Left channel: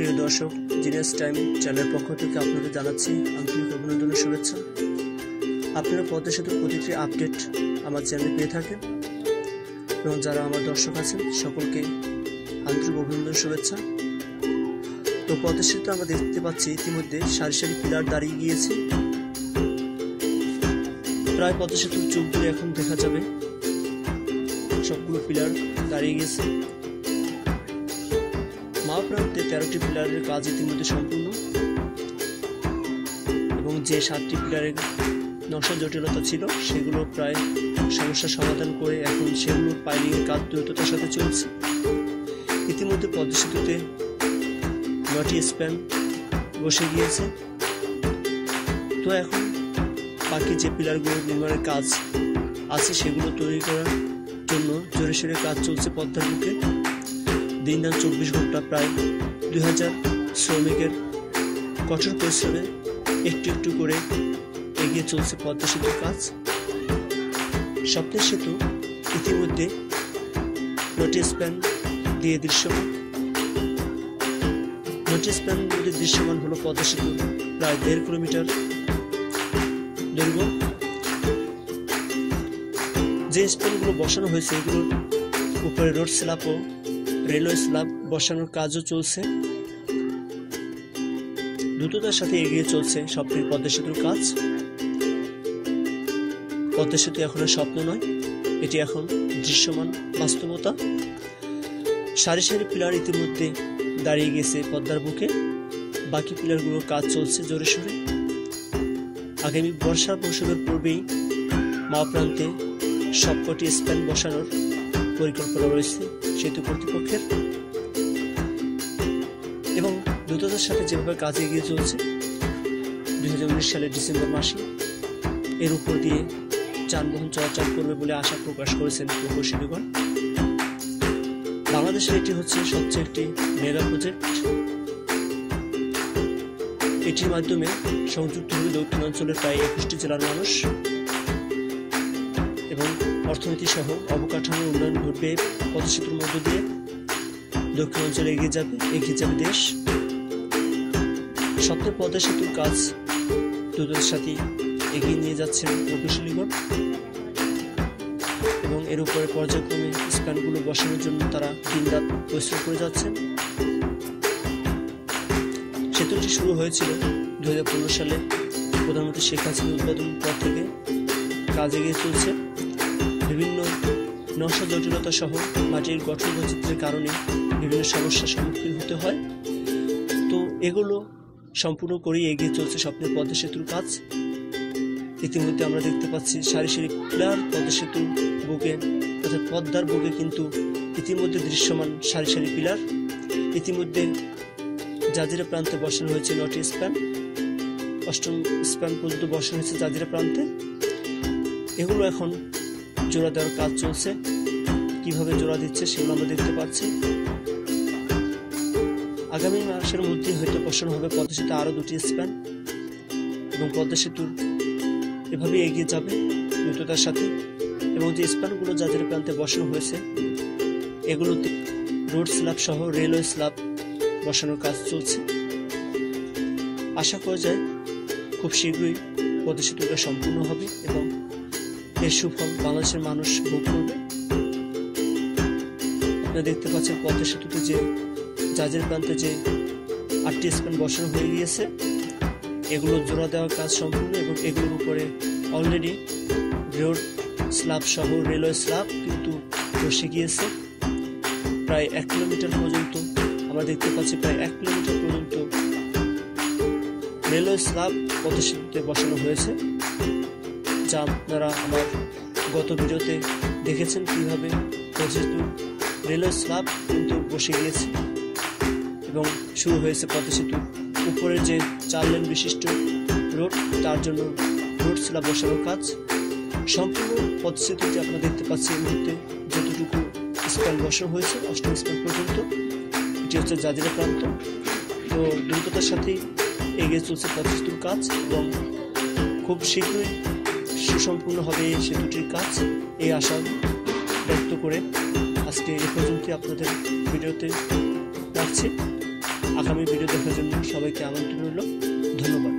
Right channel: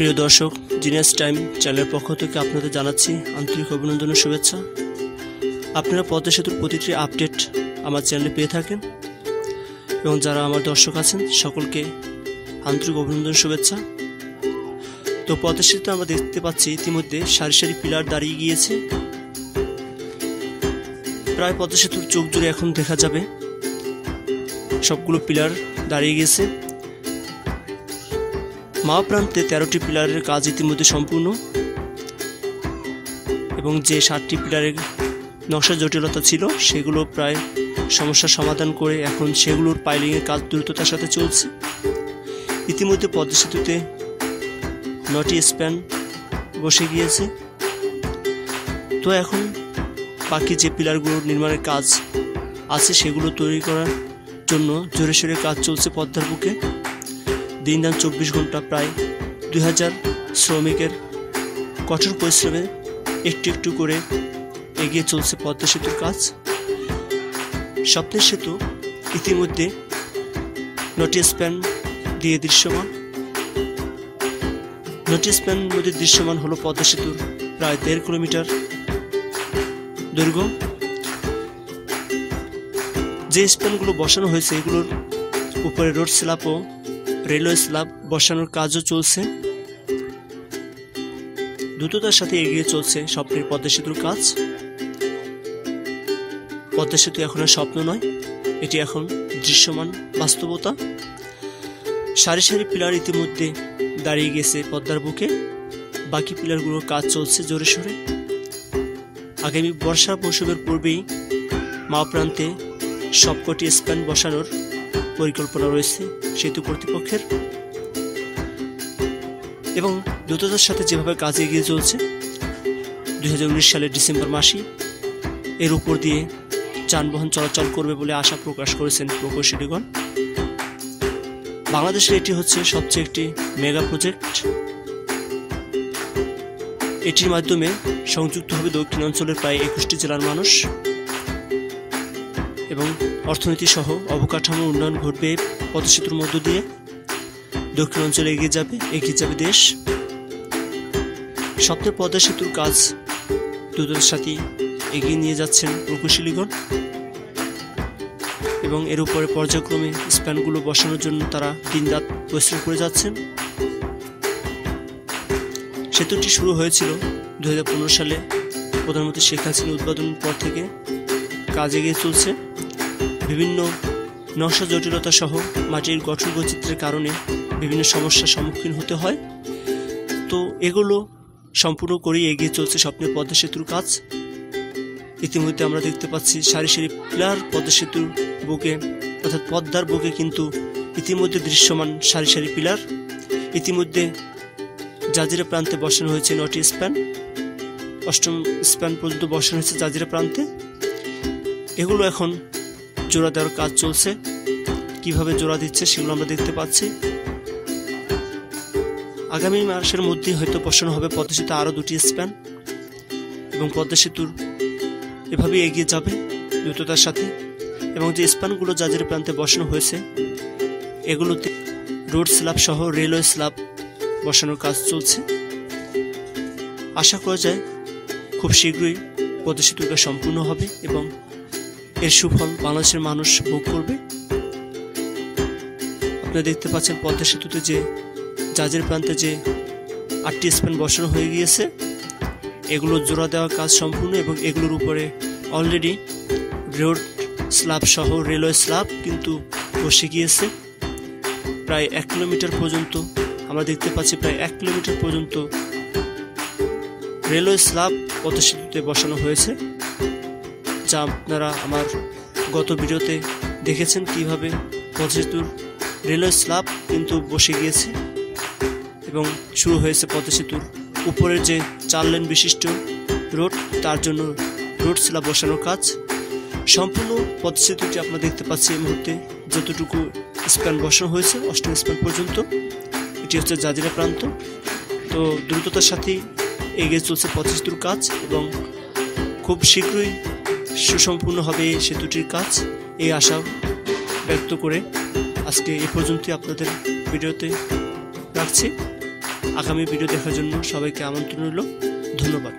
প্রিয় দর্শক, genius time চ্যানেলের পক্ষ থেকে আপনাদের জানাচ্ছি আন্তরিক অভিনন্দন শুভেচ্ছা। আপনারা পদ্মা সেতুর প্রতিটি আপডেট আমার চ্যানেলে পেয়ে থাকেন এবং যারা আমার দর্শক আছেন, সকলকে আন্তরিক অভিনন্দন শুভেচ্ছা। তো পদ্মা সেতু আমরা দেখতে পাচ্ছি ইতিমধ্যে সারি সারি পিলার দাঁড়িয়ে গিয়েছে। প্রায় পদ্মা সেতুর চোখ জুড়ে এখন দেখা যাবে সবগুলো পিলার দাঁড়িয়ে গেছে। প্রান্তে তেরোটি পিলারের কাজ ইতিমধ্যে সম্পূর্ণ এবং যে সাতটি পিলারের নকশা জটিলতা ছিল, সেগুলো প্রায় সমস্যার সমাধান করে এখন সেগুলোর পাইলিংয়ের কাজ দ্রুততার সাথে চলছে। ইতিমধ্যে পদ্মা সেতুতে নটি স্প্যান বসে গিয়েছে। তো এখন বাকি যে পিলারগুলোর নির্মাণের কাজ আছে, সেগুলো তৈরি করার জন্য জোরে সোরে কাজ চলছে পদ্মার বুকে। দিন দান চব্বিশ ঘণ্টা প্রায় দুই হাজার শ্রমিকের কঠোর পরিশ্রমে একটু একটু করে এগিয়ে চলছে পদ্মা সেতুর কাজ। স্বপ্নের সেতু ইতিমধ্যে নটি স্প্যান দিয়ে দৃশ্যমান। নটি স্প্যান নদীর দৃশ্যমান হলো পদ্মা সেতুর প্রায় দেড় কিলোমিটার দৈর্ঘ্য যে স্প্যানগুলো বসানো হয়েছে, এগুলোর উপরে রোড স্ল্যাব ও রেলওয়ে স্ল্যাব বসানোর কাজও চলছে। দ্রুততার সাথে এগিয়ে চলছে স্বপ্নের পদ্মা সেতুর কাজ। পদ্মা সেতু এখন আর স্বপ্ন নয়, এটি এখন দৃশ্যমান বাস্তবতা। সারি সারি পিলার ইতিমধ্যে দাঁড়িয়ে গেছে পদ্মার বুকে। বাকি পিলারগুলোর কাজ চলছে জোরে সোরে। আগামী বর্ষা মৌসুমের পূর্বেই মা প্রান্তে সবকটি স্প্যান বসানোর পরিকল্পনা রয়েছে সেতু কর্তৃপক্ষের। এবং দ্রুততার সাথে যেভাবে কাজ এগিয়ে চলছে, দুই সালের ডিসেম্বর মাসে এর উপর দিয়ে যানবাহন চলাচল করবে বলে আশা প্রকাশ করেছেন প্রকৌশলীগণ। বাংলাদেশের এটি হচ্ছে সবচেয়ে একটি মেগা প্রজেক্ট। এটির মাধ্যমে সংযুক্ত হবে দক্ষিণাঞ্চলের প্রায় একুশটি জেলার মানুষ। অর্থনীতি সহ অবকাঠামো উন্নয়ন ঘটবে পদসেতুর মধ্য দিয়ে। দক্ষিণ অঞ্চলে এগিয়ে যাবে এগিয়ে যাবে দেশ। স্বপ্নের পদ্মা সেতুর কাজ দ্রুততার সাথে এগিয়ে নিয়ে যাচ্ছেন প্রকৌশলীগণ। এবং এর উপরে পর্যায়ক্রমে স্প্যানগুলো বসানোর জন্য তারা দিনরাত পরিশ্রম করে যাচ্ছেন। সেতুটি শুরু হয়েছিল দু হাজার পনেরো সালে। প্রধানমন্ত্রী শেখ হাসিনা উদ্বোধনের পর থেকে কাজ এগিয়ে চলছে। বিভিন্ন নকশা জটিলতা সহ মাটির গঠন বৈচিত্র্যের কারণে বিভিন্ন সমস্যার সম্মুখীন হতে হয়। তো এগুলো সম্পূর্ণ করেই এগিয়ে চলছে স্বপ্নের পদ্মা সেতুর কাজ। ইতিমধ্যে আমরা দেখতে পাচ্ছি সারি সারি পিলার পদ্মা সেতুর বুকে অর্থাৎ পদ্মার বুকে কিন্তু ইতিমধ্যে দৃশ্যমান সারি সারি পিলার। ইতিমধ্যে জাজিরা প্রান্তে বসানো হয়েছে নটি স্প্যান। অষ্টম স্প্যান পর্যন্ত বসানো হয়েছে জাজিরা প্রান্তে। এগুলো এখন জোড়া দেওয়ার কাজ চলছে। কীভাবে জোড়া দিচ্ছে সেগুলো আমরা দেখতে পাচ্ছি। আগামী মাসের মধ্যে হয়তো বসানো হবে পদ্মা সেতু আরও দুটি স্প্যান। এবং পদ্মা সেতুর এভাবে এগিয়ে যাবে দ্রুততার সাথে। এবং যে স্প্যানগুলো যাদের প্রান্তে বসানো হয়েছে, এগুলোতে রোড স্ল্যাব সহ রেলওয়ে স্ল্যাব বসানোর কাজ চলছে। আশা করা যায় খুব শীঘ্রই পদ্মা সেতুটা সম্পূর্ণ হবে এবং এর সুফল বাংলাদেশের মানুষ ভোগ করবে। আপনারা দেখতে পাচ্ছেন পদ্মা সেতুতে যে জাজের প্রান্তে যে আটটি স্প্যান বসানো হয়ে গিয়েছে, এগুলো জোড়া দেওয়ার কাজ সম্পূর্ণ এবং এগুলোর উপরে অলরেডি রোড স্ল্যাব সহ রেলওয়ে স্ল্যাব কিন্তু বসে গিয়েছে। প্রায় এক কিলোমিটার পর্যন্ত, আমরা দেখতে পাচ্ছি প্রায় এক কিলোমিটার পর্যন্ত রেলওয়ে স্ল্যাব পদ্মা সেতুতে বসানো হয়েছে। যা আপনারা আমার গত ভিডিওতে দেখেছেন কীভাবে পদ্মা রেলওয়ে স্ল্যাব কিন্তু বসে গিয়েছে। এবং শুরু হয়েছে পদ্মা উপরের যে চার লেন বিশিষ্ট রোড, তার জন্য রোড স্ল্যাব বসানোর কাজ। সম্পূর্ণ পদ্মা সেতুটি আপনারা দেখতে পাচ্ছি এই মুহূর্তে যতটুকু স্প্যান বসানো হয়েছে, অষ্টম স্প্যান পর্যন্ত। এটি হচ্ছে জাজিরা প্রান্ত। তো দ্রুততার সাথেই এগিয়ে চলছে পদ্মা সেতুর কাজ এবং খুব শীঘ্রই সুসম্পূর্ণ হবে সেতুটির কাজ। এই আশা ব্যক্ত করে আজকে এ পর্যন্তই আপনাদের ভিডিওতে রাখছি। আগামী ভিডিও দেখার জন্য সবাইকে আমন্ত্রণ রইল। ধন্যবাদ।